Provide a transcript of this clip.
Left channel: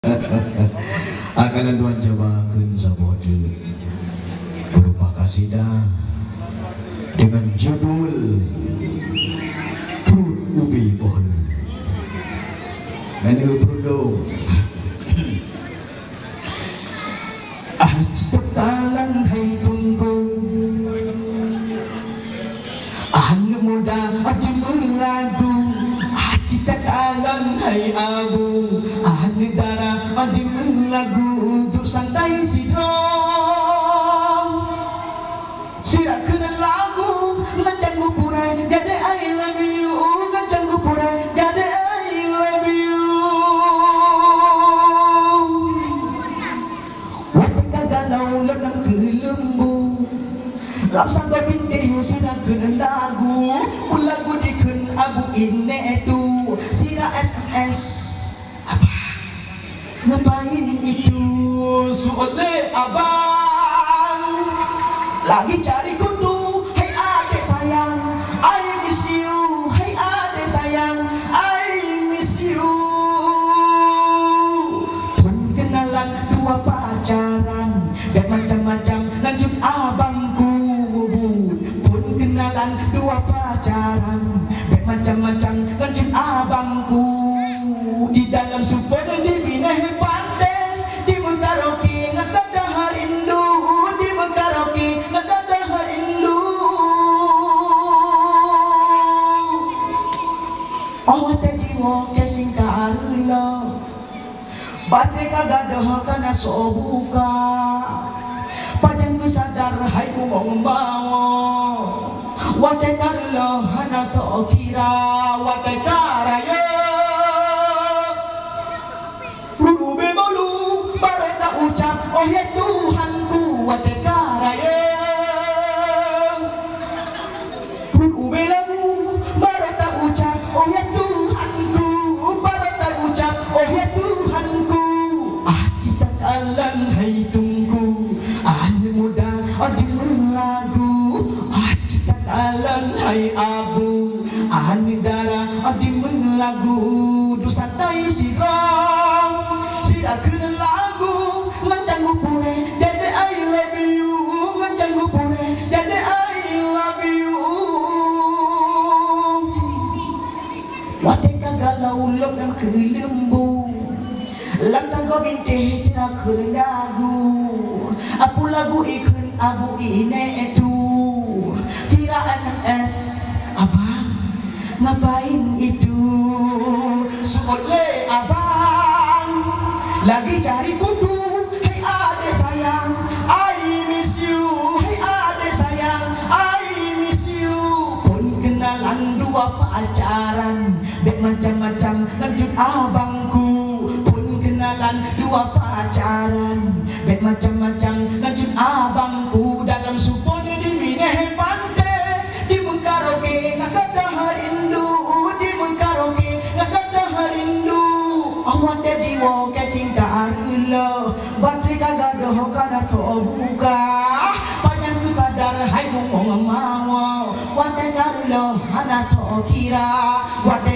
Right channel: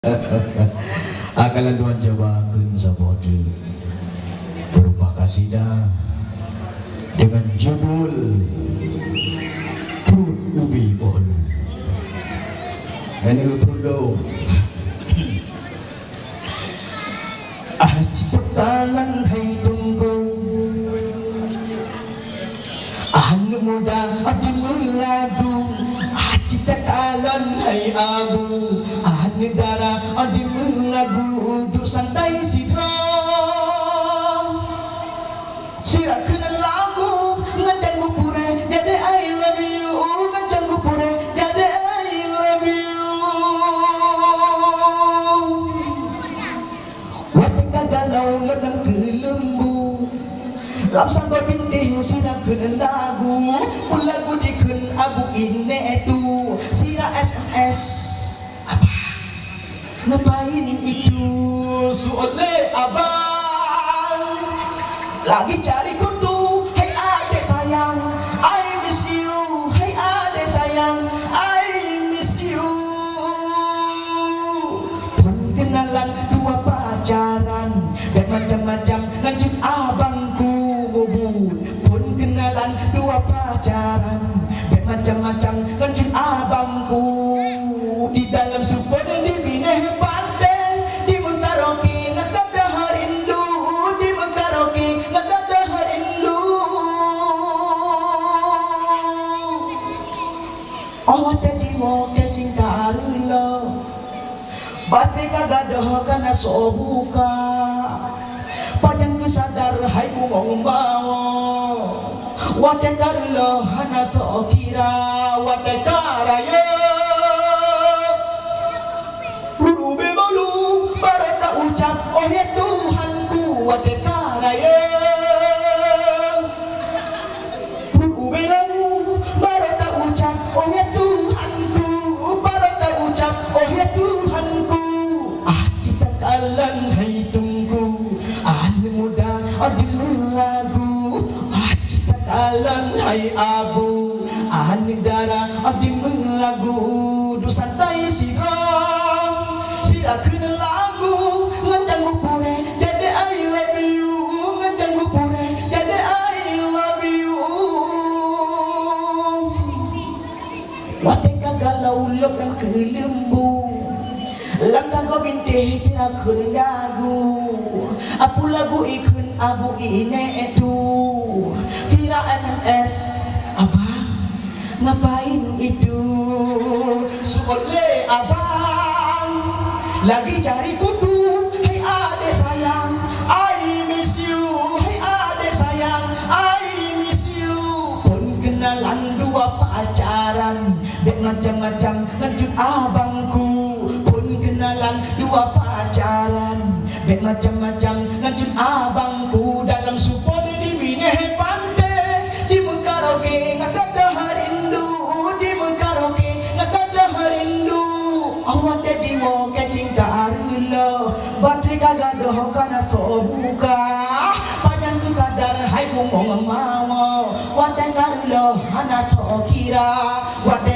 Akalan Tuhan cobakan sahaja berupa kasidah dengan judul Perut Ubi Pohon. Ini perlu Talang hai tunggu anu muda adimul lagu cita talang hai abu anu darah adimul lagu du santai sidro sirak kenal lagu ngajang gupure jadi I love you ngajang gupure jadi I love you watika galau ledam kelembu lapsang kau pindih sira kenen dagu lagu dikun abu ine edu sira SMS apa ngapain itu suole abang lagi cari kutu hey ade sayang I miss you hey ade sayang I miss you pun kenalan dua pacaran dan macam-macam lanjut abangku pun kenalan dua pacaran dan macam-macam lanjut abangku di dalam super di bineh pantai di Mengkaroki ngada harindu di Mengkaroki ngada harindu oh tadi mau kesing karulo baterai kagadah kana sobuka pajan kisadar hai mong bawo wate karlo hana to kira wate karayo rube bolu barata ucap oh ya Tuhanku wate karayo rube lamu barata ucap oh ya Tuhanku barata ucap oh ya Tuhanku kita kalan hai tunggu muda adimul lagu cita kalan hai abu darah adimul lagu du santai sira kena lagu ngancang gupure dede I love you ngancang gupure dede I love you wate kagalau lokan kelembu langkah go binte tira kena lagu apu lagu ikun abu ine edu tira NMF apa ngapain itu suole abang lagi cari kudu hey ade sayang I miss you hey ade sayang I miss you pun kenalan dua pacaran dek macam-macam lanjut abangku pun kenalan dua pacaran dek macam-macam lanjut abangku dalam supon di bineh pantai di Mengkaroki ngada harindu di Mengkaroki ngada harindu awan dedi wo keting karulo baterai kagadah kana buka panjang kisadar hai mong mawo wate karulo hana to kira wate